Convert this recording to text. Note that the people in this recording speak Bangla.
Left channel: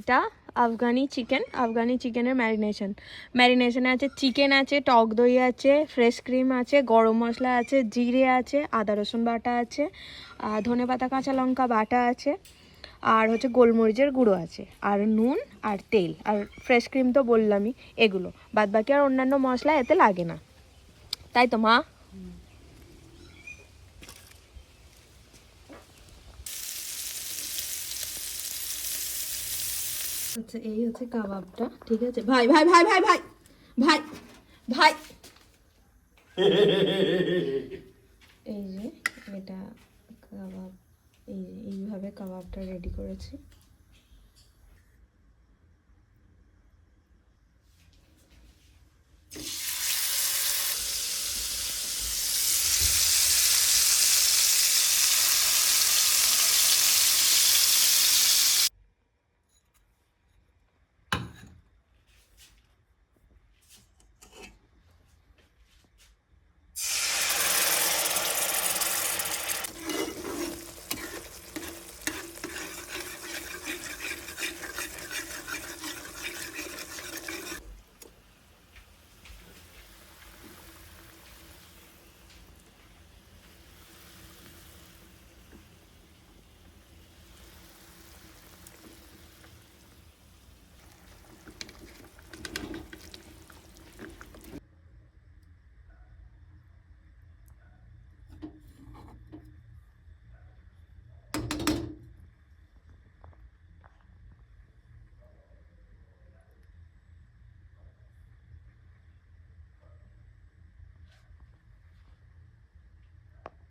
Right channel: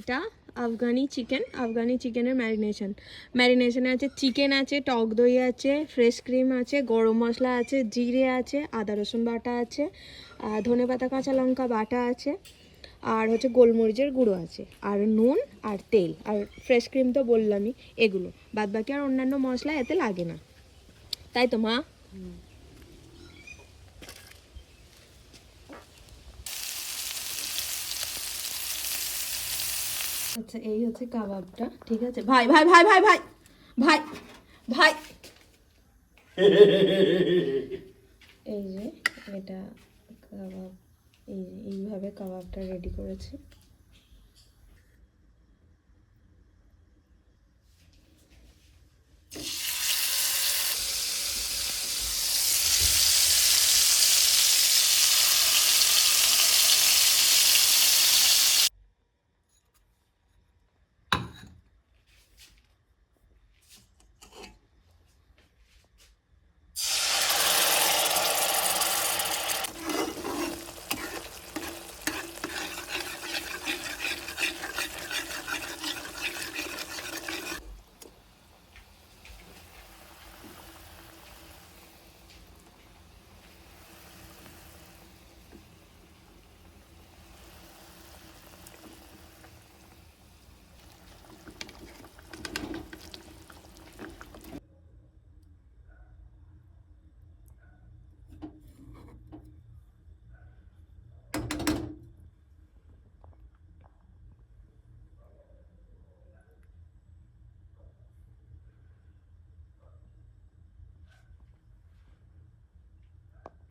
এটা আফগানি চিকেনের ম্যারিনেশনে আছে চিকেন আছে, টক দই আছে, ফ্রেশ ক্রিম আছে, গরম মশলা আছে, জিরে আছে, আদা রসুন বাটা আছে, ধনেপাতা কাঁচা লঙ্কা বাটা আছে, আর হচ্ছে গোলমরিচের গুঁড়ো আছে, আর নুন আর তেল আর ফ্রেশ ক্রিম তো বললামই। এগুলো বাদ বাকি আর অন্যান্য মশলা এতে লাগে না, তাই তো মা? আচ্ছা, এই হচ্ছে কাবাবটা, ঠিক আছে? ভাই ভাই ভাই ভাই ভাই ভাই ভাই, এই যে এটা কাবাব, এইভাবে কাবাবটা রেডি করেছি।